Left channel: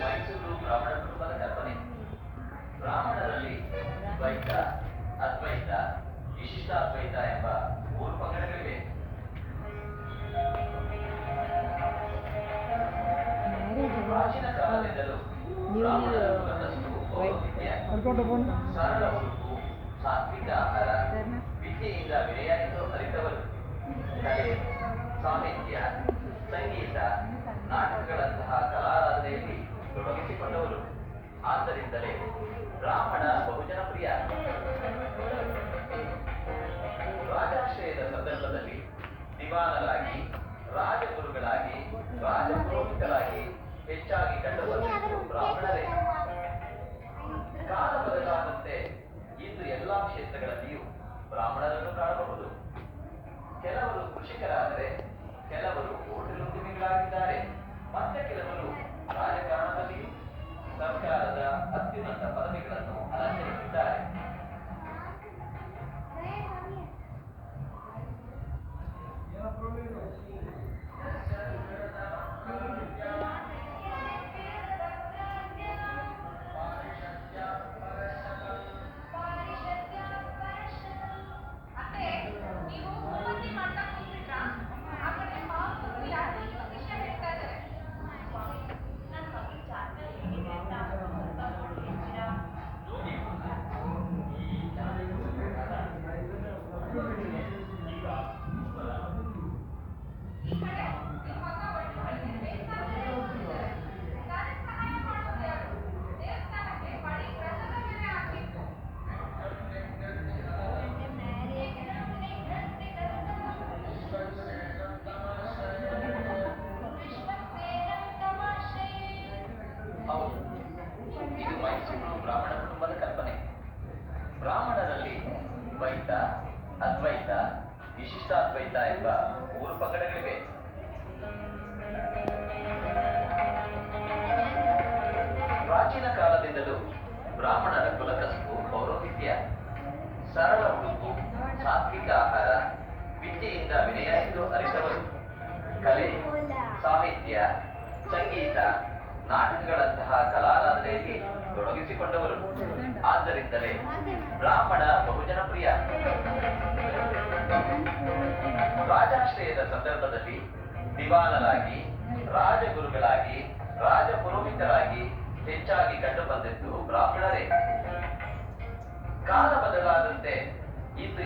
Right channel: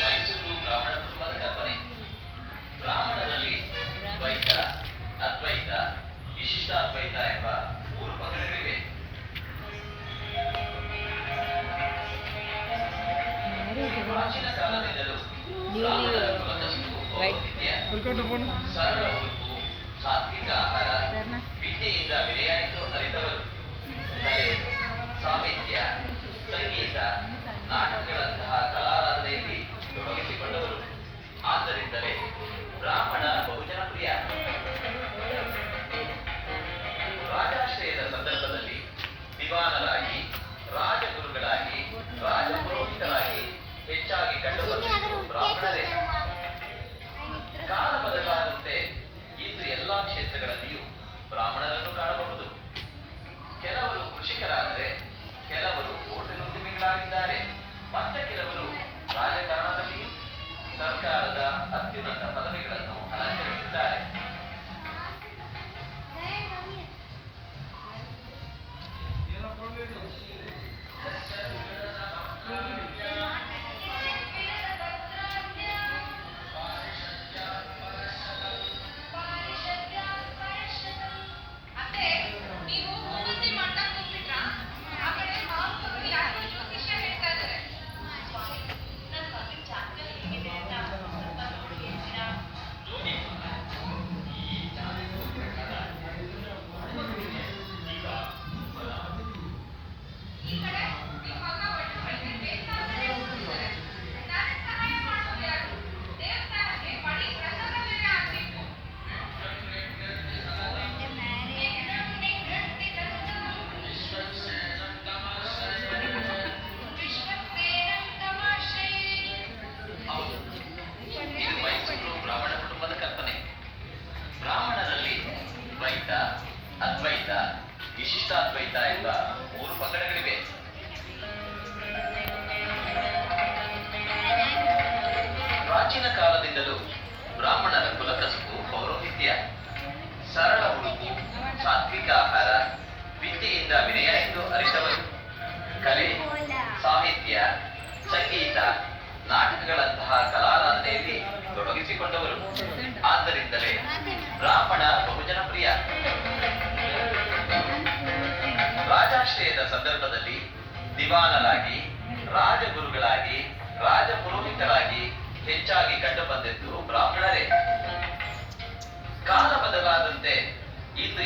ಮೈಸೂರು ಬ್ರಾಹ್ಮಣ ಕುಟುಂಬದ ಕಲ್ಪನೆ. ಬ್ರಾಹ್ಮಣರಲ್ಲಿ ದ್ವೈತ, ಅದ್ವೈತ, ವಿಶಿಷ್ಟಾದ್ವೈತ ಎಂಬ 3 ಪಂಗಡಗಳಿವೆ. ಪ್ರಾಚೀನ ಕಾಲದಿಂದಲೂ ಬ್ರಾಹ್ಮಣರ ಕುಲಕಸುಬು ಔನ್ನತ್ಯ, ಸರಳ ಬದುಕು, ಸಾತ್ವಿಕ ಆಹಾರ, ವಿದ್ಯೆಯಿಂದ ವಿನಯ ಎಂದು ಅರಿತವರು. ಕಲೆ, ಸಾಹಿತ್ಯ, ಸಂಗೀತ, ನಾಟಕಗಳಂತಹ ಕಲಾರಾಧನೆಯಲ್ಲಿ ತೊಡಗಿಸಿಕೊಂಡವರು. ಆದ್ದರಿಂದಲೇ ಬ್ರಾಹ್ಮಣ ಬಹುಜನ ಪ್ರಿಯ. ರಾಜಾಶ್ರಯದ ಸಂದರ್ಭದಲ್ಲಿ ದಿವಾನರಾಗಿ, ರಾಜಗುರುಗಳಾಗಿ, ರಾಜಪುರೋಹಿತರಾಗಿ ಹೆಚ್ಚಾಗಿ ಕಂಡುಬರುವುದು ಬ್ರಾಹ್ಮಣರೇ. ಕಾಲ ಬದಲಾದಂತೆ ಇಂದು ಎಲ್ಲಾ ಕ್ಷೇತ್ರಗಳಲ್ಲಿಯೂ ಬ್ರಾಹ್ಮಣರನ್ನು ಕಾಣಬಹುದು. ಕೆಲವರು ಕೃಷಿಕರಾದರೆ, ಕೆಲವರು ಹೋಟೆಲ್ ಉದ್ಯಮಿಗಳಾಗಿದ್ದಾರೆ, ಮತ್ತೆ ಕೆಲವರು ರಾಜಕಾರಣದಲ್ಲಿ ಸರ್ಕಾರದ ಅತ್ಯುನ್ನತ ಪದವಿಗಳನ್ನು ಅಲಂಕರಿಸಿದ್ದಾರೆ. ಬ್ರಾಹ್ಮಣರಲ್ಲಿ ದ್ವೈತ, ಅದ್ವೈತ, ವಿಶಿಷ್ಟಾದ್ವೈತ ಎಂಬ 3 ಪಂಗಡಗಳಿವೆ. ಪ್ರಾಚೀನ ಕಾಲದಿಂದಲೂ ಬ್ರಾಹ್ಮಣರ ಕುಲಕಸುಬು ಪೌರೋಹಿತ್ಯ, ಸರಳ ಬದುಕು, ಸಾತ್ವಿಕ ಆಹಾರ, ವಿದ್ಯೆಯಿಂದ ವಿನಯ ಎಂದು ಅರಿತವರು. ಕಲೆ, ಸಾಹಿತ್ಯ, ಸಂಗೀತ, ನಾಟಕಗಳಂತಹ ಕಲಾರಾಧನೆಯಲ್ಲಿ ತೊಡಗಿಸಿಕೊಂಡವರು. ಆದ್ದರಿಂದಲೇ ಬ್ರಾಹ್ಮಣ ಬಹುಜನ ಪ್ರಿಯ. ರಾಜಾಶ್ರಯದ ಸಂದರ್ಭದಲ್ಲಿ ದಿವಾನರಾಗಿ, ರಾಜಗುರುಗಳಾಗಿ, ರಾಜಪುರೋಹಿತರಾಗಿ ಹೆಚ್ಚಾಗಿ ಕಂಡುಬಂದಿದ್ದು ಬ್ರಾಹ್ಮಣರೇ. ಕಾಲ ಬದಲಾದಂತೆ ಇಂದು